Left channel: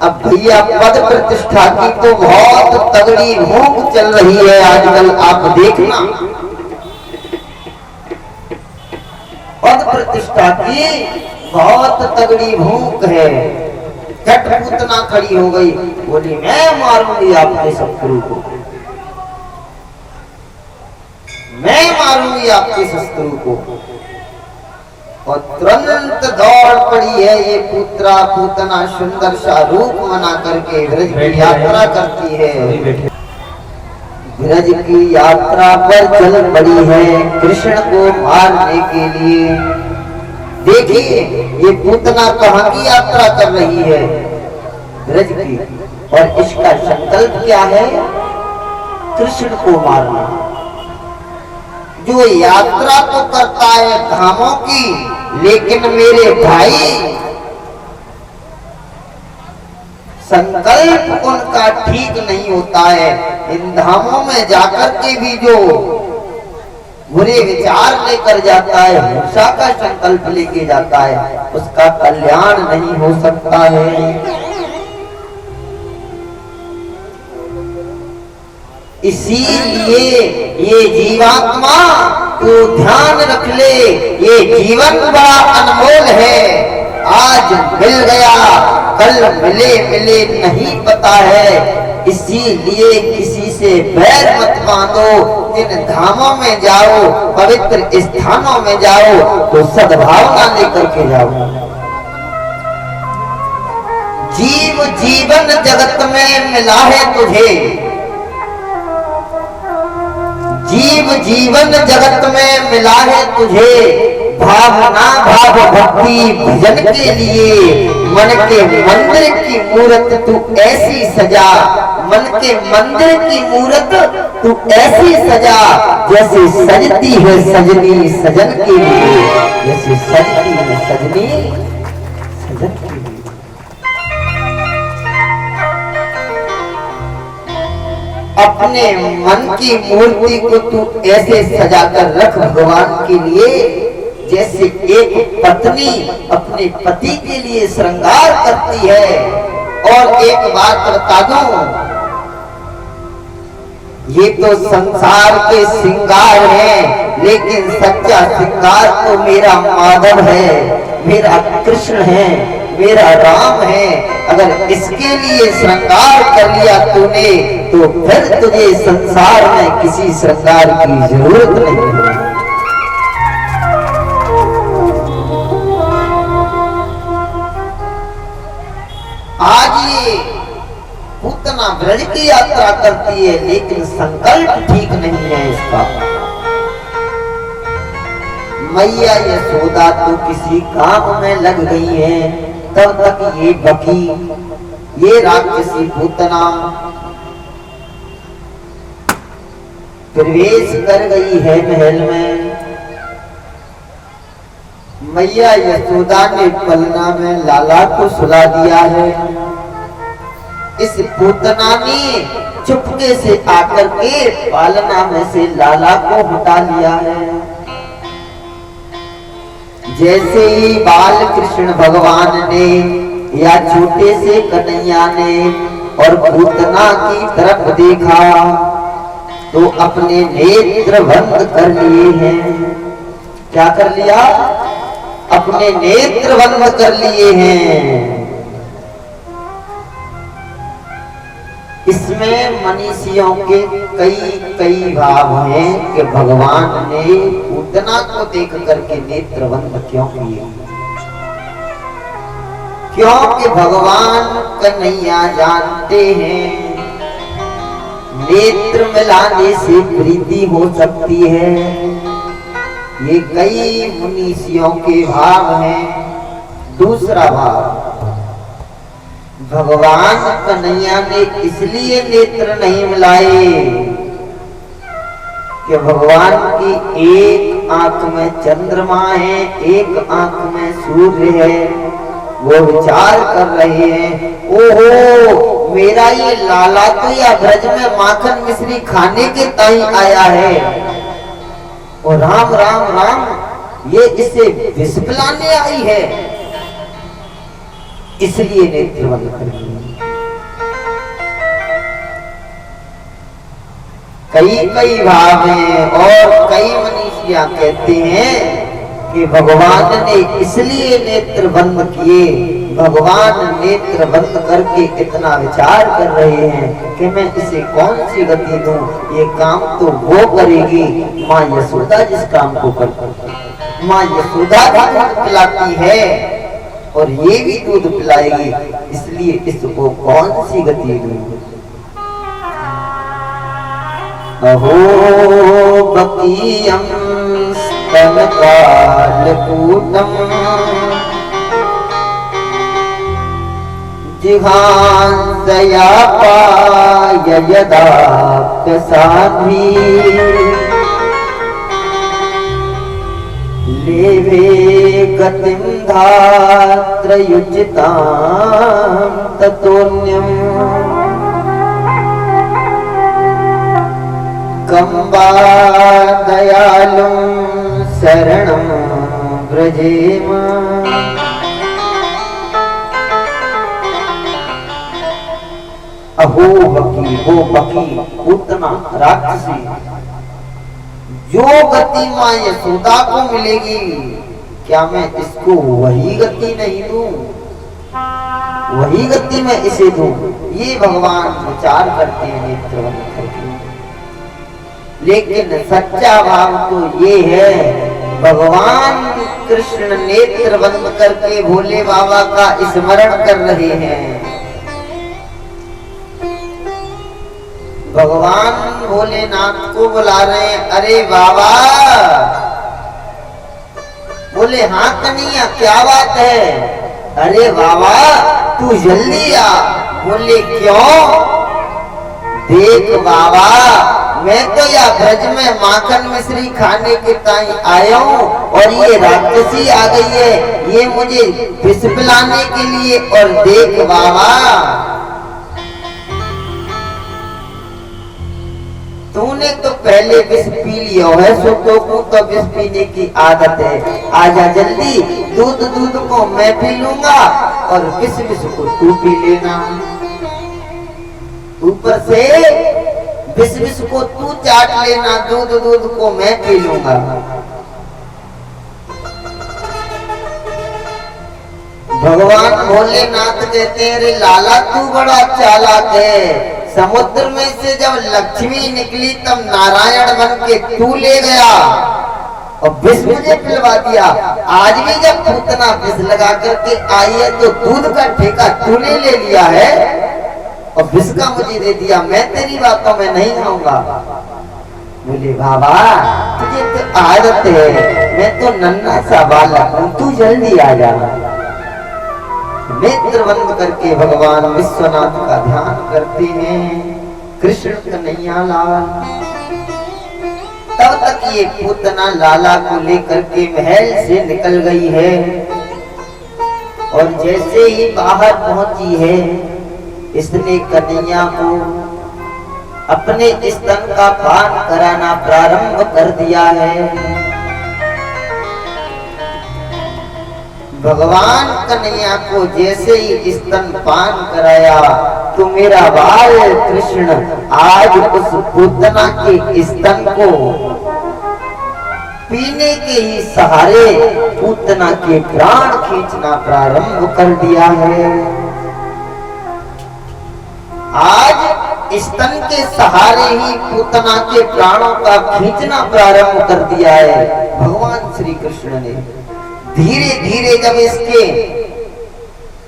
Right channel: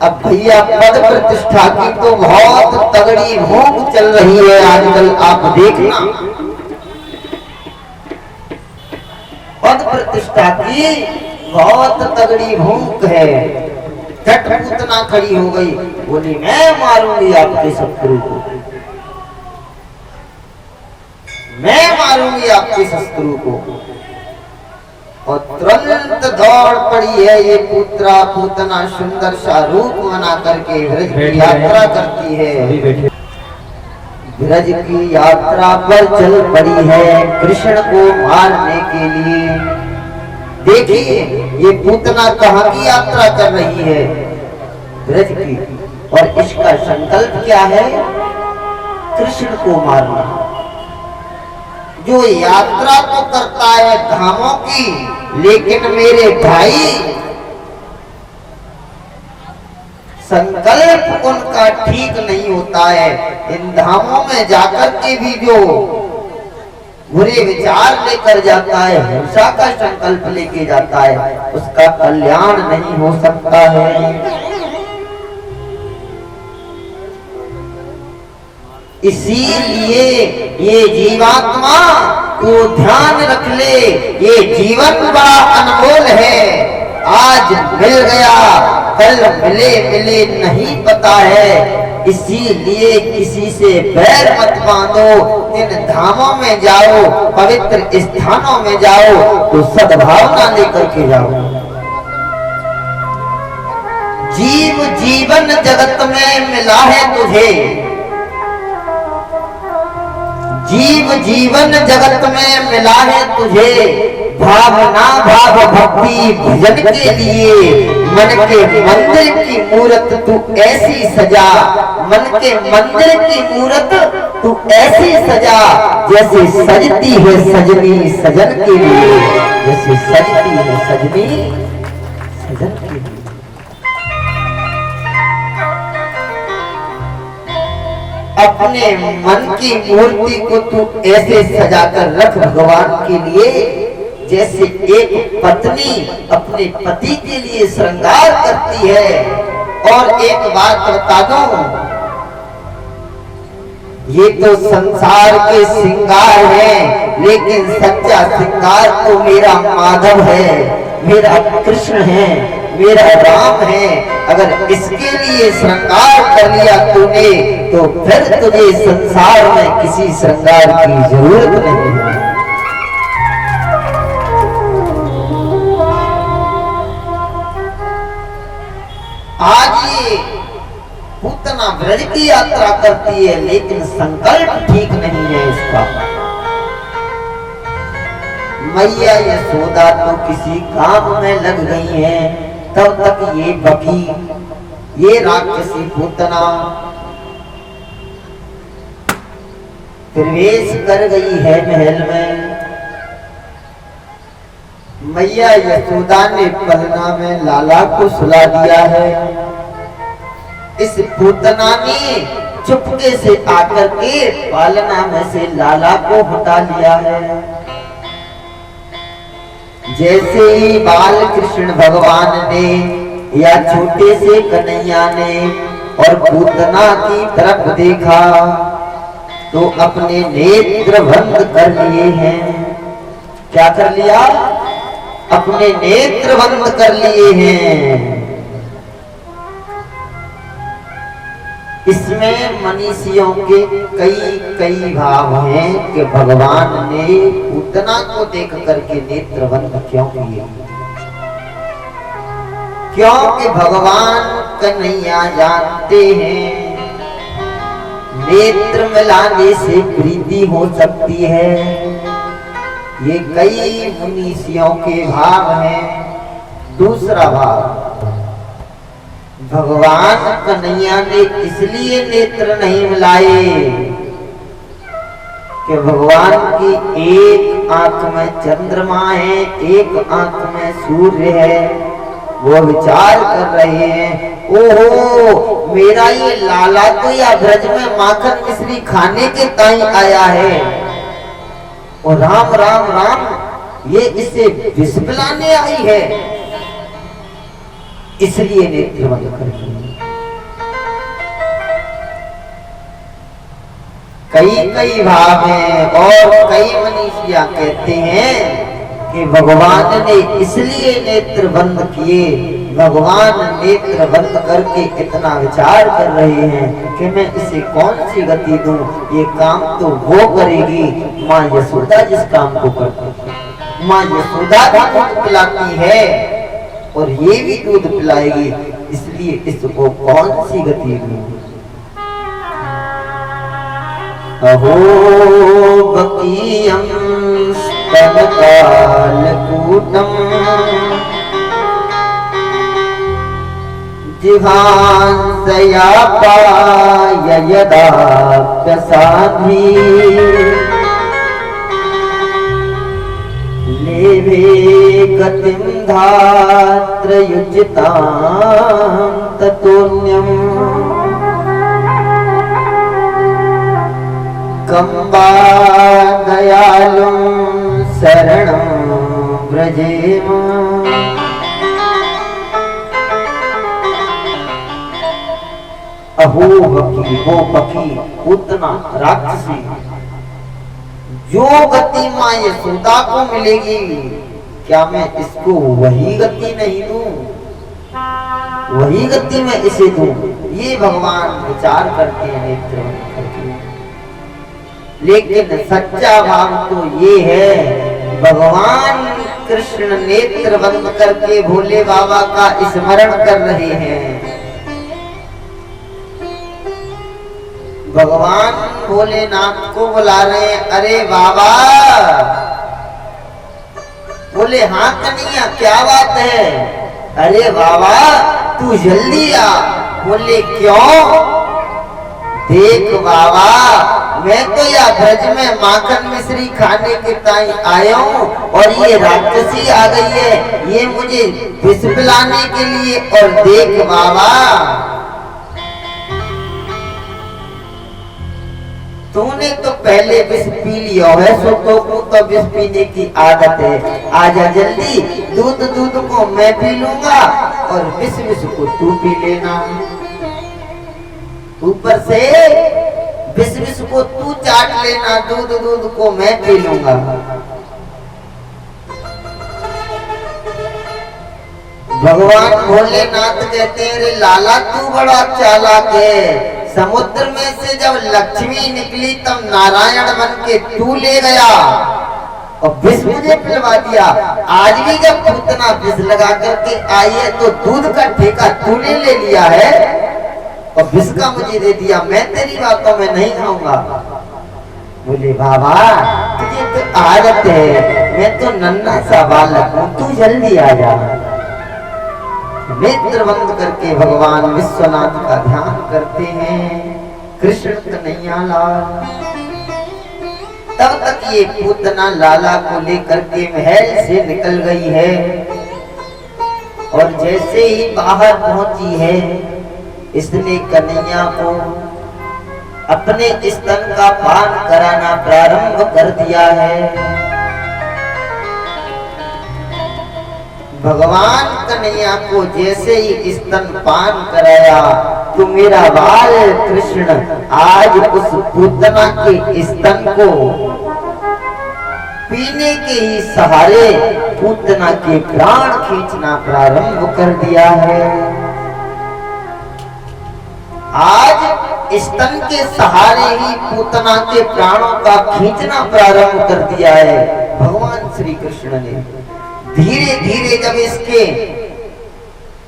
अब भैया पद प्रतिष्ठा की तो बहुत तगड़ी भूख चल रही है आजकल, आप देखना। पद प्रतिष्ठा की बहुत तगड़ी भूख है। झट पूतना खड़ी हो गई, बोली मैं मारूंगी आपके शत्रु को, मैं मारूंगी आपके शत्रु को। और तुरंत दौड़ पड़ी है ये पुत्रा पूतना, सुंदर सा रूप बना करके ब्रज की यात्रा करती है। ब्रज की यात्रा पर चल पड़ी है कृष्ण को मारने के लिए। देखिए ये पूतना कहाँ की यात्रा कर रही है, ब्रज की, और इसका संकल्प क्या है, कृष्ण को मारना। जो यात्रा तो करता है धामों की, लेकिन मेरे भाई संकल्प उनका ठीक नहीं होता है। इन धामों में जाकर के भी जो बुरे विचार लेकर जाता है, हिंसा का संकल्प लेके जाता है, उसका कल्याण नहीं हो सकता है। इसीलिए ये जीवात्मा तो ध्यान रख ले, ये जीवन बड़ा अनमोल है। आज मिल गया, कल मिले मिले नहीं पता है। इसीलिए किसी से बैर मत बांधो। इन धामों में जाओ, पवित्र स्थानों में जाओ तो सद्भावना लेकर के जाओ। जीव जीवन जगत में मिला है तुझे, जीव जीवन जगत में मिला है तुझे। भावना भाव भक्ति भजन के लिए मन के मंदिर की मूरत तू ऐसी सजा, मन के मंदिर की मूरत तू ऐसी सजा, जैसे सजती है सजनी सजन के लिए, जैसे सजती है सजनी सजन के लिए। अपने मन की मूर्ति को तू ऐसे सजाकर रख भगवान के लिए, जैसे एक पत्नी अपने पति के लिए श्रृंगार करती है। और एक बात बता दूं, ये तो संसार के श्रृंगार है, लेकिन सच्चा श्रृंगार तो मेरा माधव है, मेरा कृष्ण है, मेरा राम है। अगर इसके लिए श्रृंगार कर लिया तूने, तो फिर तुझे संसार में किसी श्रृंगार की जरूरत नहीं है। आज ये पूतना ब्रज की यात्रा करती है, लेकिन संकल्प ठीक नहीं है इसका। मैया यशोदा तो किसी काम में लग गई है, तब तक ये बकी, ये राक्षसी पूतना प्रवेश कर गई है महल में। मैया यशोदा ने पलना में लाला को सुला दिया है। इस पूतना ने चुपके से आकर के पालना में से लाला को हटा लिया है। जैसे ही बाल कृष्ण भगवान ने या छोटे से कन्हैया ने और पूतना की तरफ देखा, तो अपने नेत्र बंद कर लिए हैं। क्या कर लिया? अपने नेत्र बंद कर लिए हैं। इसमें मनीषियों के कई भाव हैं कि भगवान ने पूतना को देख करके नेत्र बंद क्यों किए। क्योंकि भगवान कन्हैया जानते हैं नेत्र मिलाने से प्रीति हो सकती है। ये कई मनीषियों के भाव हैं। दूसरा भाव, भगवान कन्हैया ने इसलिए नेत्र नहीं मिलाए कि भगवान की एक आंख में चंद्रमा है, एक आंख में सूर्य है। वो विचार कर रहे हैं, ओहो मेरा ये लाला तो या ब्रज में माखन मिश्री खाने के ताई आया है, और राम राम राम ये इसे विष पिलाने आई है। इसलिए नेत्र बंद कर दिए। कई कई भाव हैं और कई मनीषिया कहते हैं कि भगवान ने इसलिए नेत्र बंद किए, भगवान नेत्र बंद करके इतना विचार कर रहे हैं कि मैं इसे कौन सी गति दूं, ये काम तो वो करेगी माँ यशोदा जिस काम को करती है। माँ यशोदा भी दूध पिलाती है और ये भी दूध पिलाएगी, इसलिए इसको कौन सी गति दूं। अहो बकीयम स्तनकालकूटम जिहांसया पाय यदाप्यसाधि लेवे गतिं धात्रयुजितां ततोऽन्यम् कम्बा दयालुं शरणं व्रजेम। अहो बकी, वो बकी उतना राक्षसी, जो गति माँ यशोदा को मिलेगी क्या मैं इसको वही गति नहीं दूं, वही गति में इसे दूं। ये भगवान विचार करते हैं नेत्र बंद करके। लेकिन सच्चा भाव तो ये है, भगवान कृष्ण नेत्र बंद करके भोले बाबा का स्मरण कर रहे हैं। भगवान भोलेनाथ को बुला रहे हैं, अरे बाबा। बोले हाँ कन्हैया क्या बात है। अरे बाबा तू जल्दी आ। बोले क्यों। देख बाबा मैं तो या ब्रज में माखन मिश्री खाने के ताई आया हूँ और ये राक्षसी आ गई है, ये मुझे विष पिलाने के लिए। और देख बाबा तूने तो पहले विष पी लिया है, सो तो विष पीने की आदत है। आजा जल्दी, दूध को मैं पी लूंगा और विष को तू पी लेना। ऊपर से विष को तू चाट लेना, दूध को मैं पी लूंगा। भगवान भोलेनाथ कहते हैं, अरे लाला तू बड़ा चालाक है। समुद्र में से जब लक्ष्मी निकली तब नारायण बन के तू ले गया और विष मुझे पिलवा दिया। आज भी जब पूतना विष लगा करके आई है तो दूध का ठेका तूने ले लिया है और विष का मुझे दे दिया। मैं तेरी बातों में नहीं खाऊंगा। बोले बाबा तुझे तो आदत है, मैं तो नन्हा सा बालक हूँ, तू जल्दी आ जा। नेत्र बंद करके भगवान विश्वनाथ का ध्यान करते हैं। कृष्ण कन्हैया लाल। तब तक ये पूतना लाला को लेकर के महल से निकल गई है और जैसे ही बाहर पहुंची है इसने कन्हैया को अपने स्तन का पान कराना प्रारंभ कर दिया है। भगवान कन्हैया को जैसे ही स्तन पान कराया तो मेरा बाल कृष्ण आज उस पूतना के स्तन को पीने के ही सहारे पूतना के प्राण खींचना प्रारंभ कर दिया है। आज स्तन के सहारे ही पूतना के प्राणों का खींचना प्रारंभ कर दिया है भगवान श्री कृष्ण ने। धीरे धीरे जब इसके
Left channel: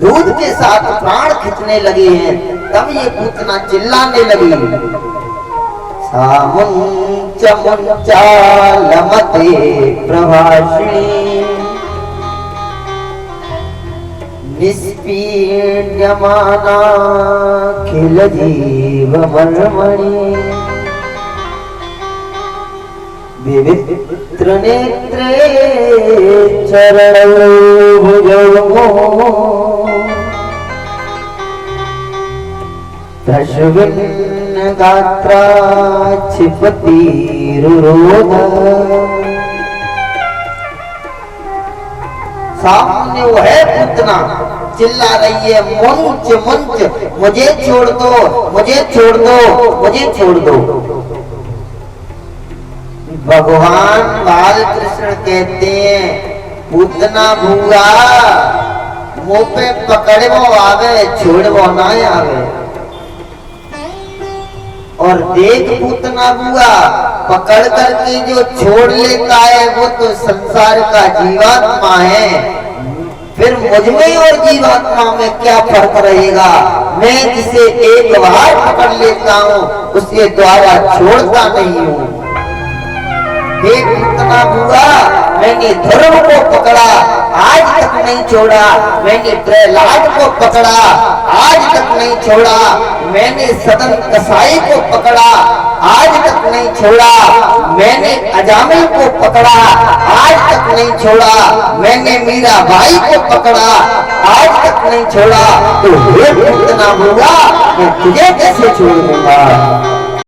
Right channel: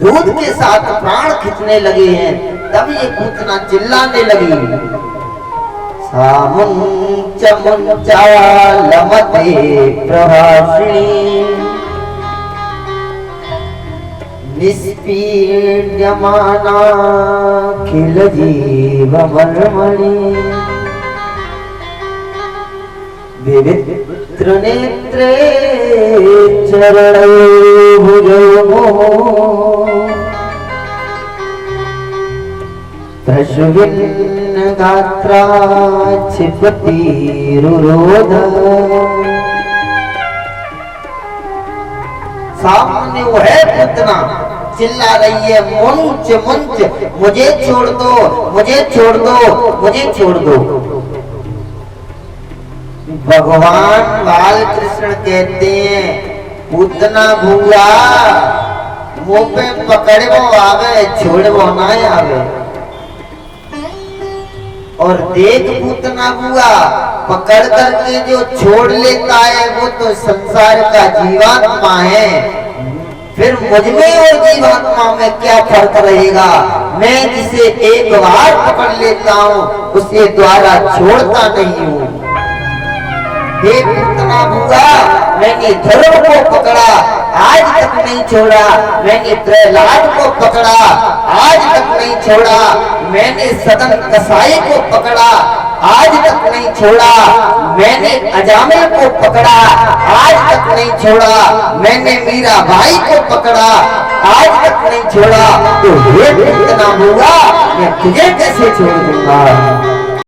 दूध के साथ प्राण खींचने लगे हैं तब ये पूतना चिल्लाने लगी, सामुंचालमते प्रभाषिणी निष्पीड्यमाना खिल जीवमर्मणि विवित्र नेत्रे चरणो भुजो प्रश्विन्न गात्रा क्षिपति रुरोध। सामने वो है पूतना चिल्ला रही है, मुंच मुंच, मुझे छोड़ दो, मुझे छोड़ दो, मुझे छोड़ दो। भगवान बालकृष्ण कहते हैं, पूतना भूआ मुंह पे पकड़े वो आवे, छोड़ वो ना आवे। और देख पूतना बुआ, पकड़ करके जो छोड़ लेता है वो तो संसार का जीवात्मा है। फिर मुझ में और जीवात्मा में क्या फर्क रहेगा? मैं जिसे एक बार पकड़ लेता हूँ उसे द्वारा छोड़ता नहीं हूँ। देख पूतना बुआ, मैंने धर्म को पकड़ा, आज तक नहीं छोड़ा। मैंने प्रहलाद को पकड़ा, आज तक नहीं छोड़ा। मैंने सदन कसाई को पकड़ा, आज तक नहीं छोड़ा। मैंने अजामिल को पकड़ा, आज तक नहीं छोड़ा। मैंने मीराबाई को पकड़ा, आज तक नहीं छोड़ा। तो हे पूतना बुआ, मैं तुझे कैसे छोड़ दूंगा?